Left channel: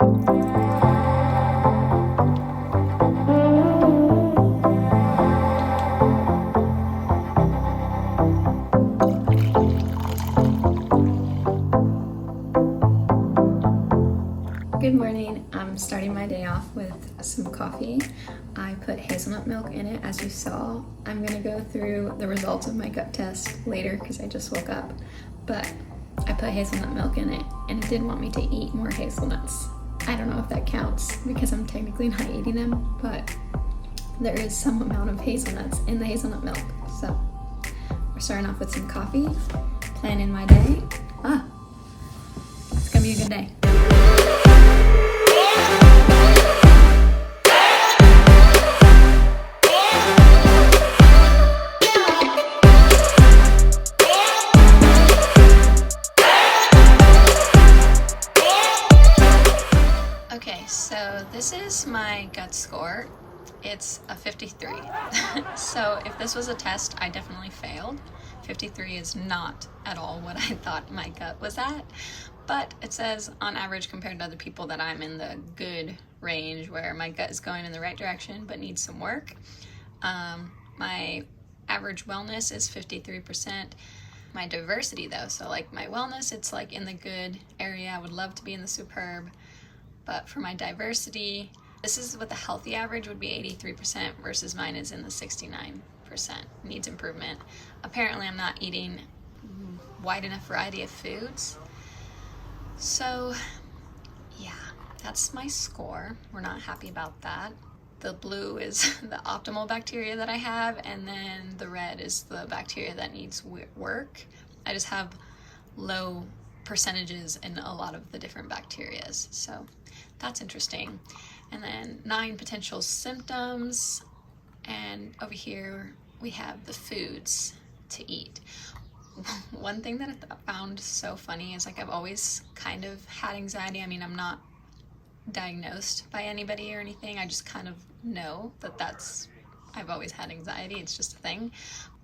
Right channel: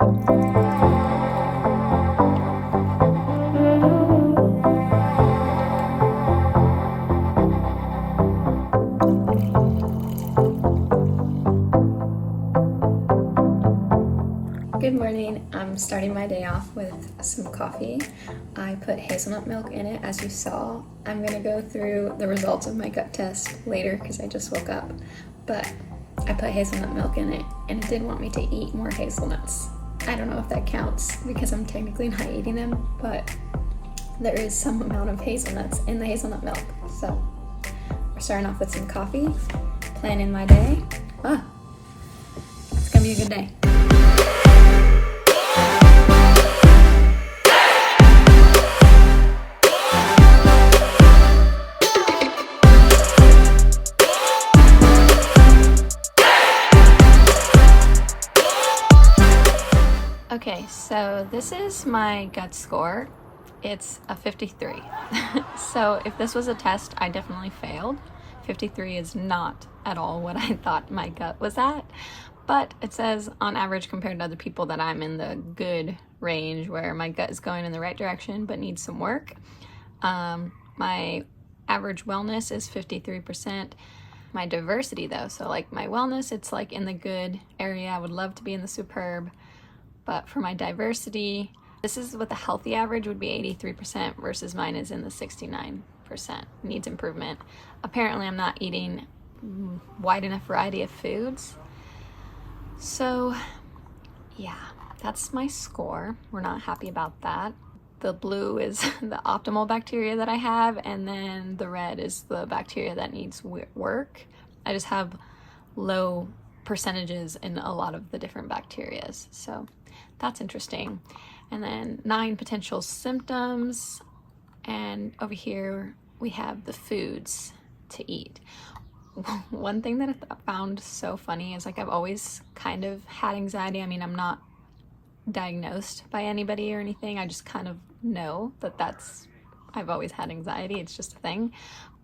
Good morning. I'm starting my day off with some coffee. I put hazelnut milk in it, as you saw. I'm gonna go through the results of my gut test later because I just woke up, but I put hazelnut milk in it and it did want me to eat more hazelnuts. I don't know if that counts because I'm technically not eating them, but there is some amount of hazelnuts in the hazelnut milk. So we're starting off with some coffee, planning my day. It's gonna be a good day. Okay, so this is my gut score. It's a 53. So if this was a test, I definitely failed. 53 is not at all what I thought my gut was at, but it says on average compared to other people that I'm in the good range where my gut is going in the right direction but needs some work. My average wellness is 53%. My diversity though, so like my wellness, it's like in the good area. I would love to be in the superb. But for my diversity, this is what the healthy average would be, 83% versus mine is in the 69%. Needs improvement. Apparently I'm not eating wide enough variety of foods. So yeah, that's my score. We're not happy about that. The blue is the optimal bacteria that I have, and then the red is the bacteria that needs work. I just have low percentages in a lot of the different bacterias, so that's interesting. And then 9 potential symptoms, and over here we have the foods to eat. One thing that I found so funny is like I've always kind of had anxiety. I mean, I'm not diagnosed by anybody or anything. I just kind of know that I've always had anxiety. It's just a thing.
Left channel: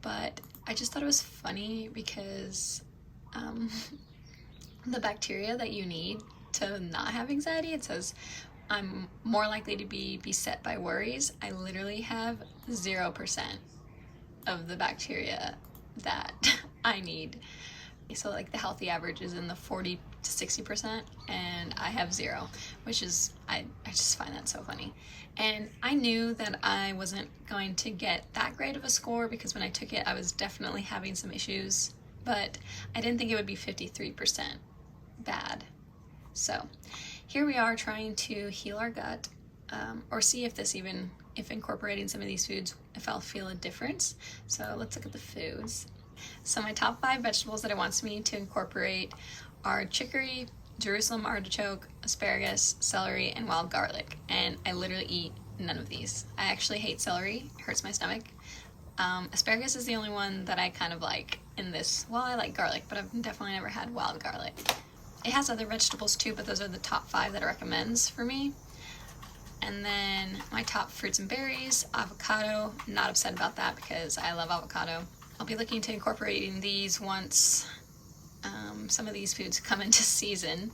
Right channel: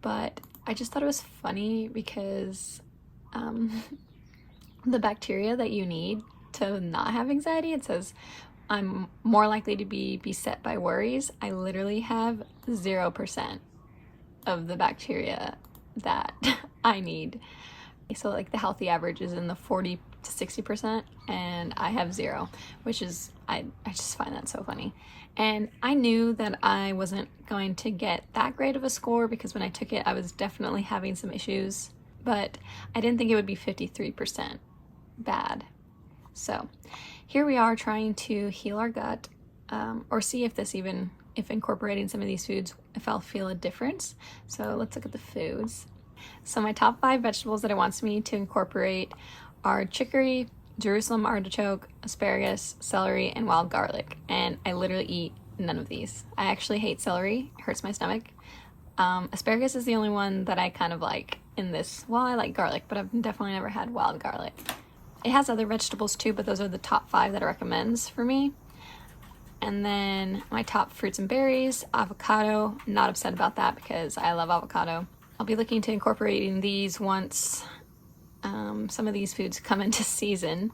But I just thought it was funny because the bacteria that you need to not have anxiety, it says I'm more likely to be beset by worries. I literally have 0% of the bacteria that I need. So like the healthy average is in the 40 to 60%, and I have 0, which is, I just find that so funny. And I knew that I wasn't going to get that great of a score because when I took it, I was definitely having some issues, but I didn't think it would be 53% bad. So here we are trying to heal our gut, or see if incorporating some of these foods, if I'll feel a difference. So let's look at the foods. So my top 5 vegetables that it wants me to incorporate are chicory, Jerusalem artichoke, asparagus, celery, and wild garlic. And I literally eat none of these. I actually hate celery, it hurts my stomach. Asparagus is the only one that I kind of like in this. Well, I like garlic, but I've definitely never had wild garlic. It has other vegetables too, but those are the top 5 that it recommends for me. And then my top fruits and berries, avocado. Not upset about that because I love avocado. I'll be looking to incorporating these once some of these foods come into season.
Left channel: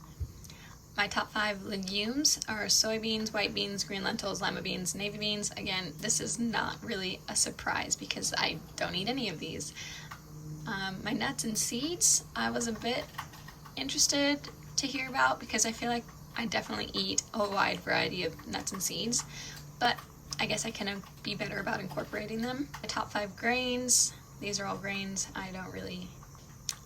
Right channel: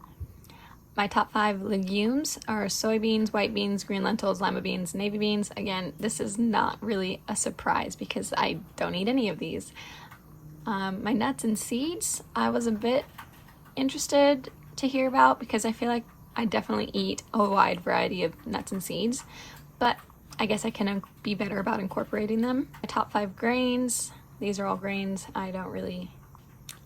My top 5 legumes are soybeans, white beans, green lentils, lima beans, navy beans. Again, this is not really a surprise because I don't eat any of these. My nuts and seeds, I was a bit interested to hear about because I feel like I definitely eat a wide variety of nuts and seeds, but I guess I can be better about incorporating them. My top 5 grains, these are all grains I don't really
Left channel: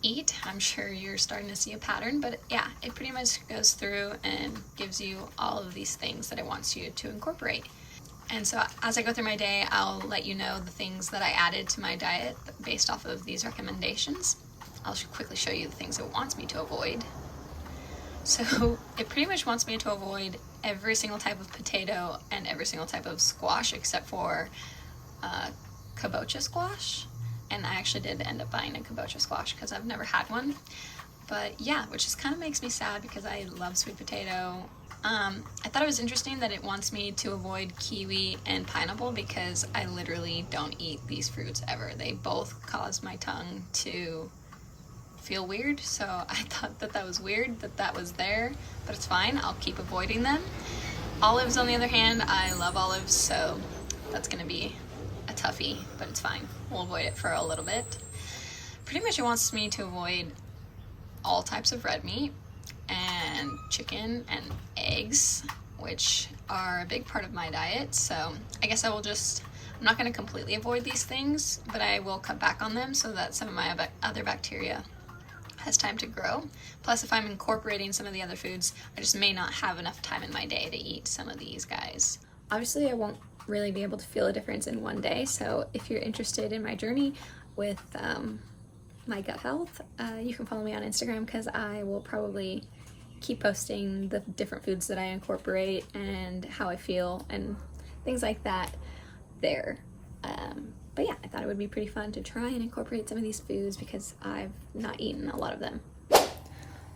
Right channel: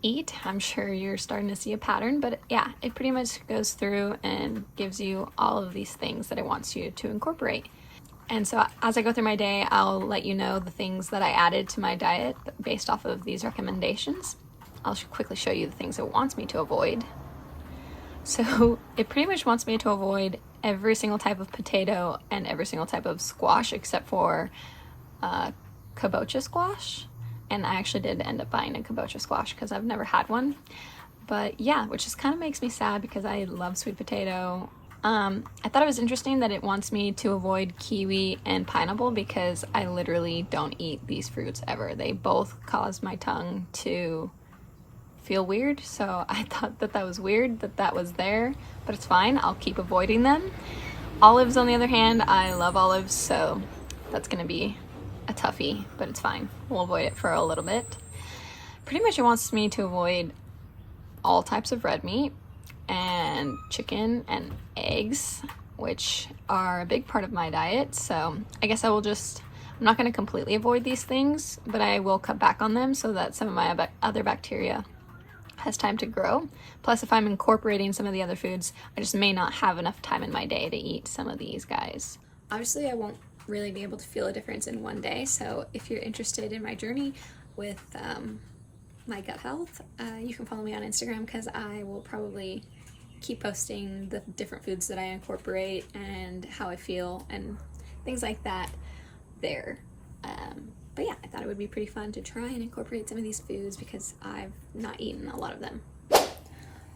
eat. I'm sure you're starting to see a pattern, but yeah, it pretty much goes through and gives you all of these things that it wants you to incorporate. And so as I go through my day, I'll let you know the things that I added to my diet based off of these recommendations. I'll quickly show you the things it wants me to avoid. So it pretty much wants me to avoid every single type of potato and every single type of squash except for kabocha squash. And I actually did end up buying a kabocha squash because I've never had one. But yeah, which just kind of makes me sad because I love sweet potato. I thought it was interesting that it wants me to avoid kiwi and pineapple because I literally don't eat these fruits ever. They both cause my tongue to feel weird, so I thought that was weird that was there, but it's fine. I'll keep avoiding them. Olives, on the other hand, I love olives, so that's gonna be a toughie, but it's fine. We'll avoid it for a little bit. Pretty much it wants me to avoid all types of red meat and chicken and eggs, which are a big part of my diet. So I guess I'm not going to completely avoid these things, but I will cut back on them so that some of my other bacteria has time to grow. Plus, if I'm incorporating some of the other foods, I just may not have enough time in my day to eat some of these guys. Obviously, I won't really be able to feel a difference in one day. So if you're interested in my journey with my gut health, you can follow me on Instagram, because I will probably keep posting the different foods that I incorporate and how I feel and things like that there. But yeah, I thought it would be pretty fun to try and incorporate some of these foods because I've not eaten a lot of them.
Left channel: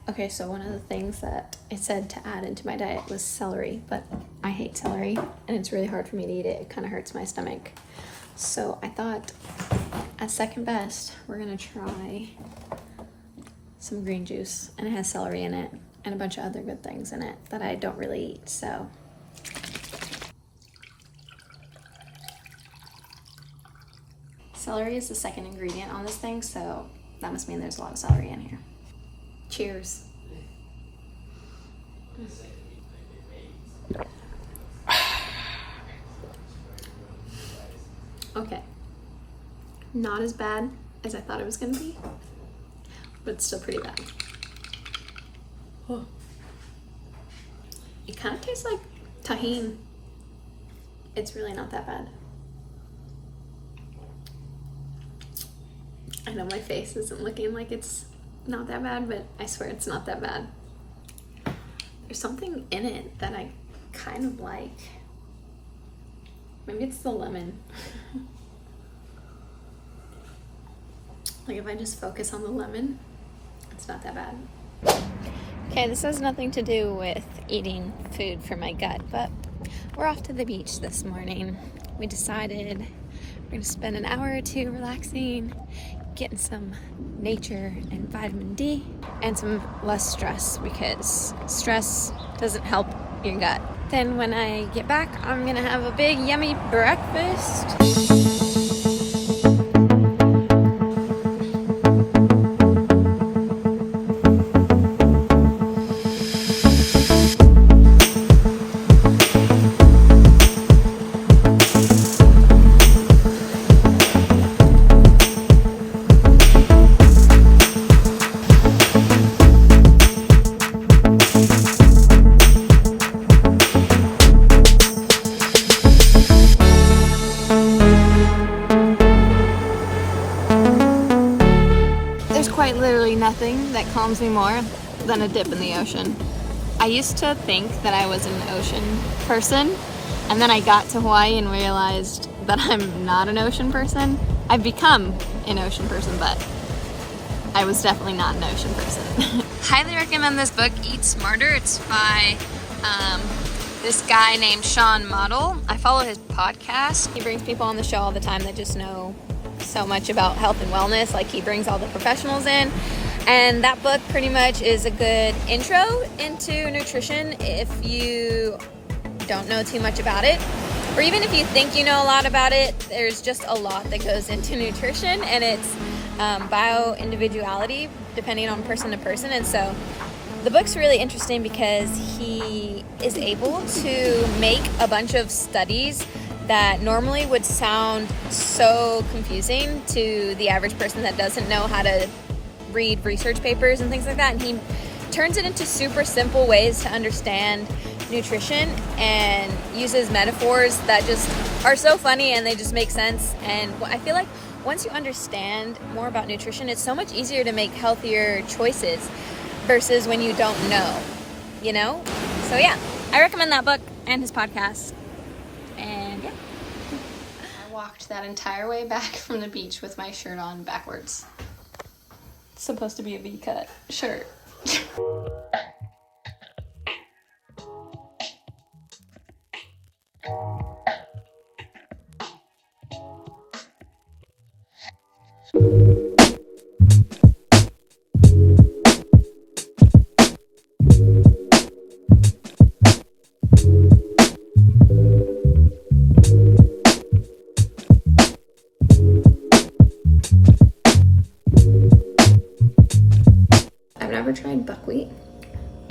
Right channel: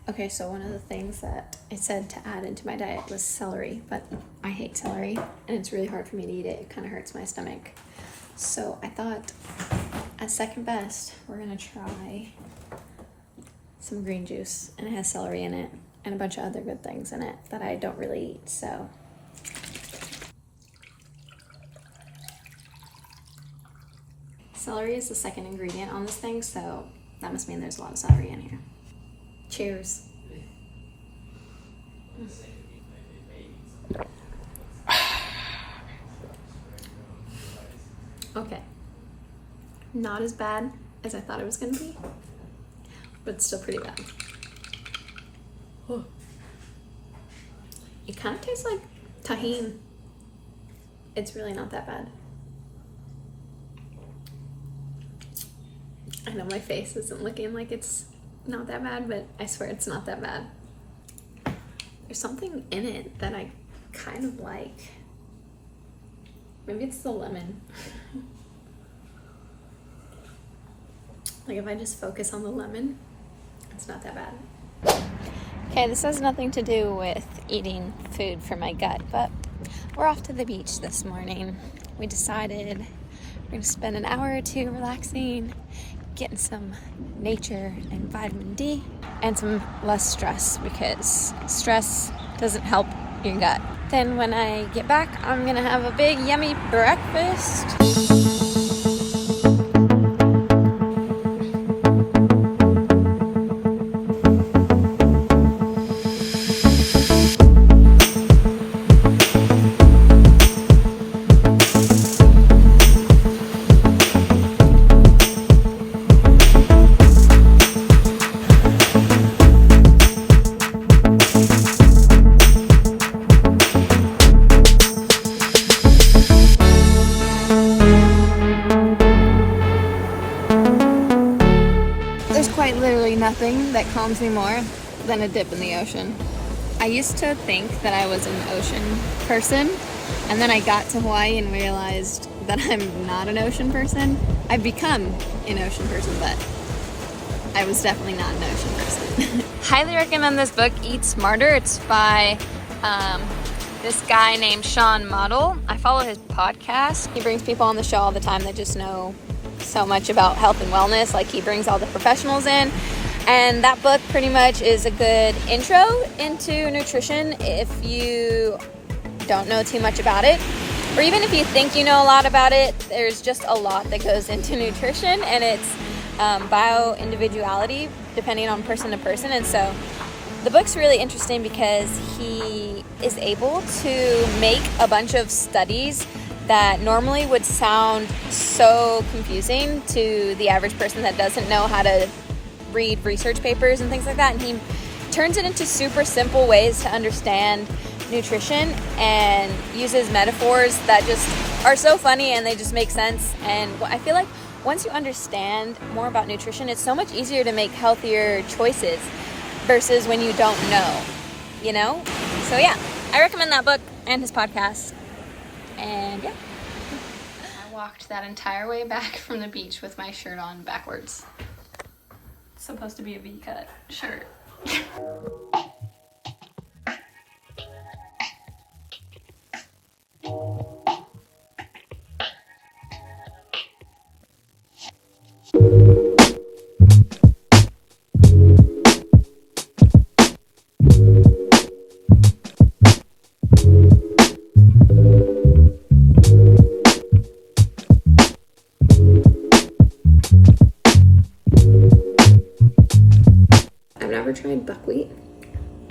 Okay, so one of the things that it said to add into my diet was celery, but I hate celery and it's really hard for me to eat it. It kind of hurts my stomach. So I thought, as second best, we're gonna try some green juice, and it has celery in it and a bunch of other good things in it that I don't really eat, so. Celery is the second ingredient on this thing, so that must mean there's a lot of celery in here. Cheers. Okay. Not as bad as I thought it was gonna be, but it's still pretty bad. Oh. It kind of tastes like tahini. It's really not that bad. I know my face isn't looking like it's not that bad, but I swear it's not that bad. There's something in it that I kind of like. Maybe it's the lemon. Like if I just focus on the lemon, it's not that bad. Okay, this has nothing to do with eating food for my gut, but we're off to the beach this morning. We decided we're gonna spend an hour or two relaxing, getting some nature and vitamin D, and some less stress, because stress doesn't help your gut. Then when I get back, I'm gonna have a big yummy breakfast. Quite literally nothing that calms me more than a dip in the ocean. I used to think that I was an ocean person, and then I got to Hawaii and realized that I'm not an ocean person. I've become an ocean person, but I was definitely not an ocean person. Highly recommend this book, Eat Smarter. It's by this guy named Sean Model. I follow his podcast. He brings people on the show all the time that just know so much about health and wellness. Like, he brings all the professionals in, and that book pretty much is a good intro into nutrition if you don't know too much about it, or even if you think you know a lot about it. There's just a lot that goes into nutrition, and it's bio individuality depending on person to person. And so the book's really interesting because he is able to make a bunch of studies that normally would sound so confusing to the average person that doesn't know how to read research papers and things like that. And he turns it into super simple ways to understand nutrition and uses metaphors that just are so funny and they just make sense. And I feel like once you understand more about nutrition, it's so much easier to make healthier choices versus when you don't know, you know? So yeah, I recommend that book and his podcast. And yeah. I walked that entire way back from the beach with my shirt on backwards. It's supposed to be a V-cut shirt.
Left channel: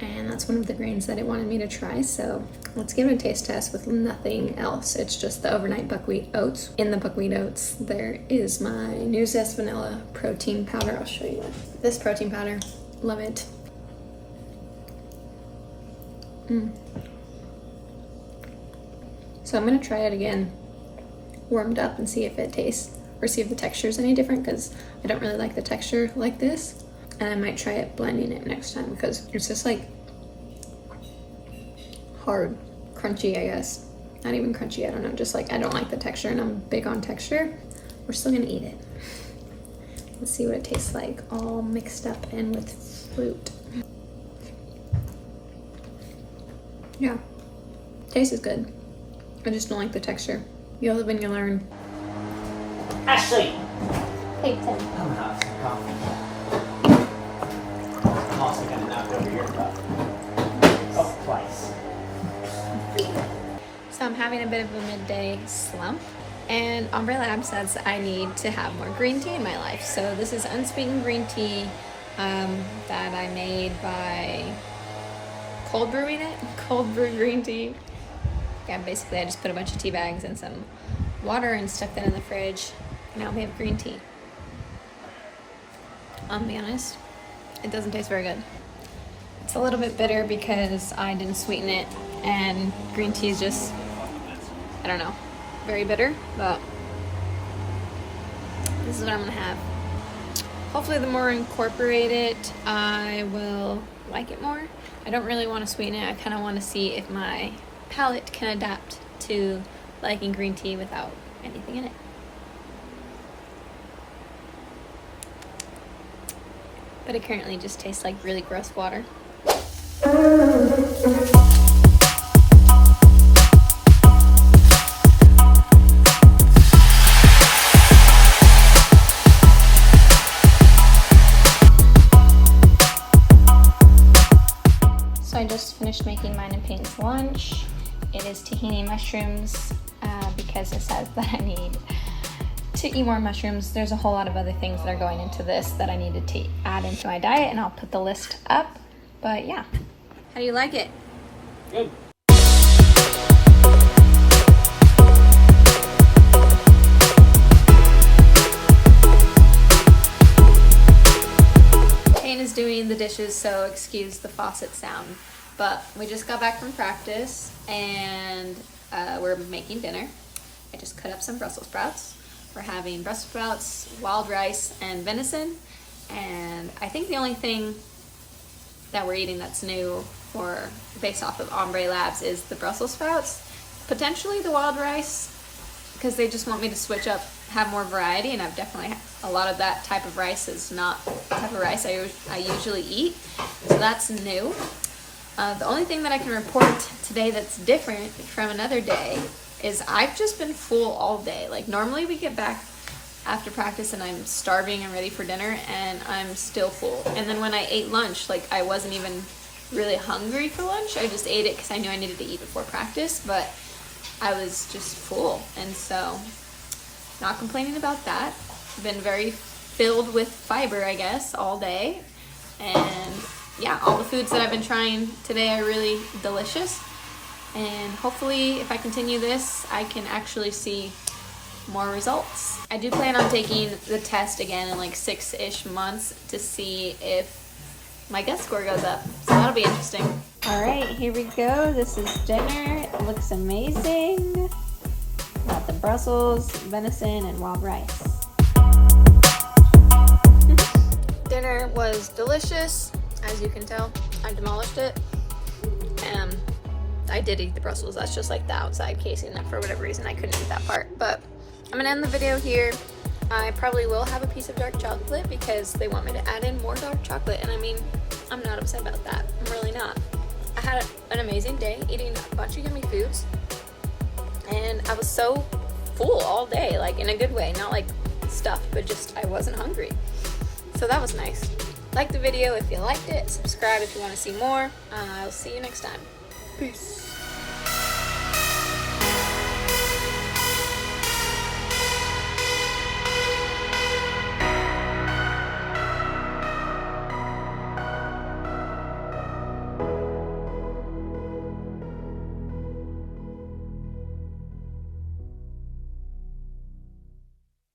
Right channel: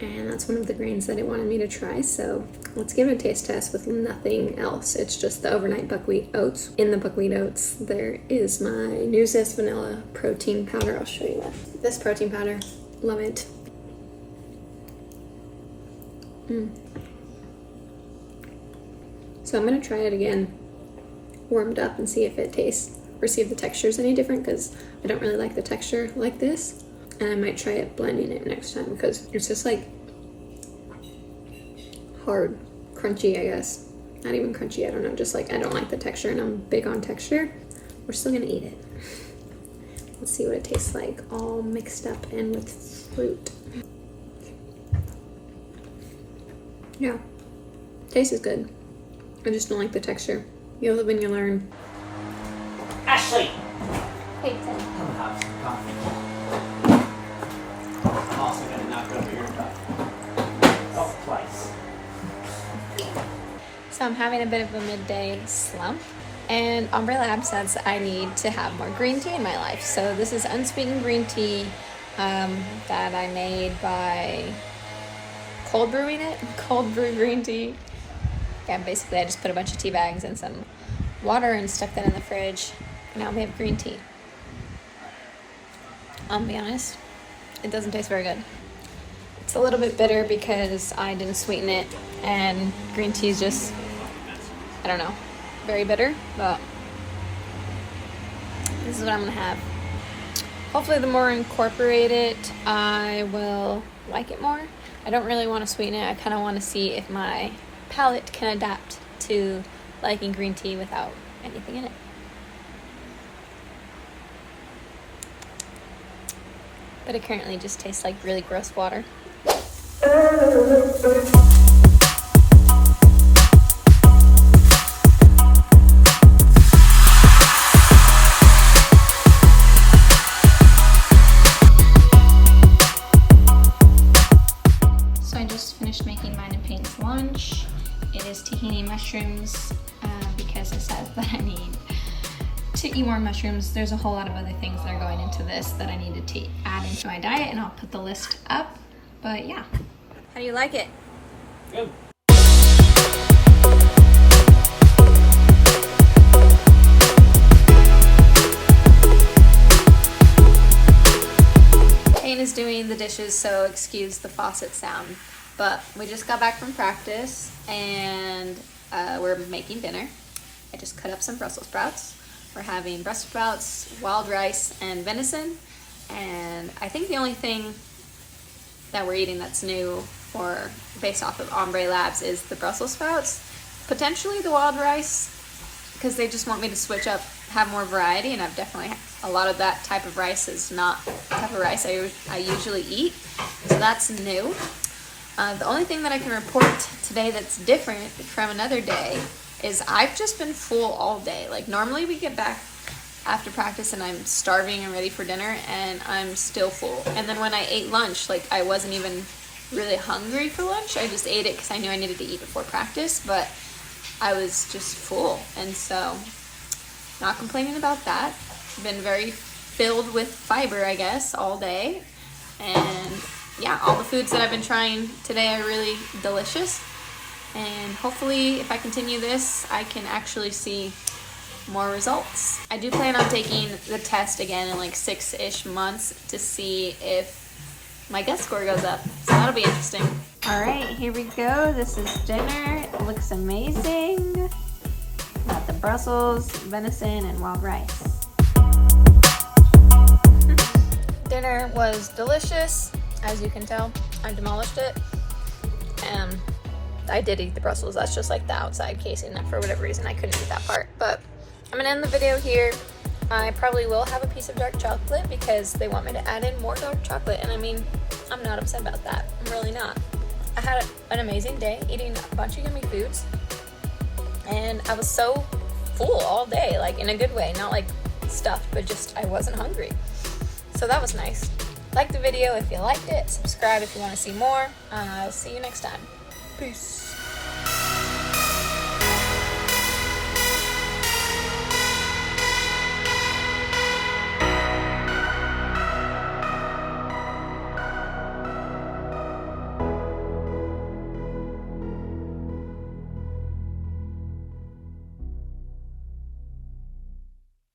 and that's one of the grains that it wanted me to try. So let's give it a taste test with nothing else. It's just the overnight buckwheat oats. In the buckwheat oats, there is my New Zest Vanilla protein powder. I'll show you this protein powder. Love it. So I'm gonna try it again, warmed up, and see if it tastes or see if the texture is any different, because I don't really like the texture like this. And I might try it blending it next time, because it's just like hard, crunchy, I guess. Not even crunchy, I don't know, just like I don't like the texture, and I'm big on texture. We're still gonna eat it. Let's see what it tastes like, all mixed up and with fruit. Yeah, taste is good. I just don't like the texture. You live and you learn. Ashley! Hey, Tim. Coming up, some coffee. I'm also gonna knock over your cup. Oh, twice. So I'm having a bit of a midday slump, and Ombré Lab says I need to have more green tea in my life. So this is unsweetened green tea that I made by cold brewing it. Cold brew green tea. Yeah, basically I just put a bunch of tea bags and some water and stuck that in the fridge, and now we have green tea. I'll be honest, it doesn't taste very good. It's a little bit bitter because I didn't sweeten it, and green tea is just, I don't know, very bitter, but this is what I'm gonna have. Hopefully the more I incorporate it, I will like it more. I don't really want to sweeten it. I kind of want to see if my palate can adapt to liking green tea without anything in it. But it currently just tastes like really gross water. So I just finished making mine and Payne's lunch. It is tahini mushrooms because it says that I need to eat more mushrooms. There's a whole lot of other things that are going into this that I needed to add into my diet, and I'll put the list up. But yeah, how do you like it? Good. Payne is doing the dishes, so excuse the faucet sound. But we just got back from practice, and we're making dinner. I just cut up some Brussels sprouts. We're having Brussels sprouts, wild rice, and venison. And I think the only thing that we're eating that's new or based off of Ombré Labs is the Brussels sprouts. Potentially the wild rice, because they just want me to switch up, have more variety, and I've definitely, a lot of that type of rice is not the type of rice I usually eat. So that's new. The only thing that I can report today that's different from another day is I've just been full all day. Like normally we get back after practice and I'm starving and ready for dinner, and I'm still full. And then when I ate lunch, like I wasn't even really hungry for lunch. I just ate it because I knew I needed to eat before practice, but I was just full. And so not complaining about that. Been very filled with fiber, I guess, all day. And yeah, all the foods that I've been trying today are really delicious. And hopefully if I continue this, I can actually see more results. I do plan on taking the test again in like 6-ish months to see if my gut score goes up. So that'll be interesting. All right, here we go. This is dinner. It looks amazing. Got the Brussels, venison, and wild rice. Dinner was delicious, as you can tell. I demolished it. I did eat the Brussels. That's just like the outside casing. That for whatever reason I couldn't eat that part. But I'm gonna end the video here. I probably will have a piece of dark chocolate because they want me to add in more dark chocolate, and I mean, I'm not upset about that. I'm really not. I had an amazing day eating a bunch of yummy foods, and I was so full all day, like in a good way, not like stuffed, but just I wasn't hungry. So that was nice. Like the video if you liked it, subscribe if you want to see more. I'll see you next time. Peace.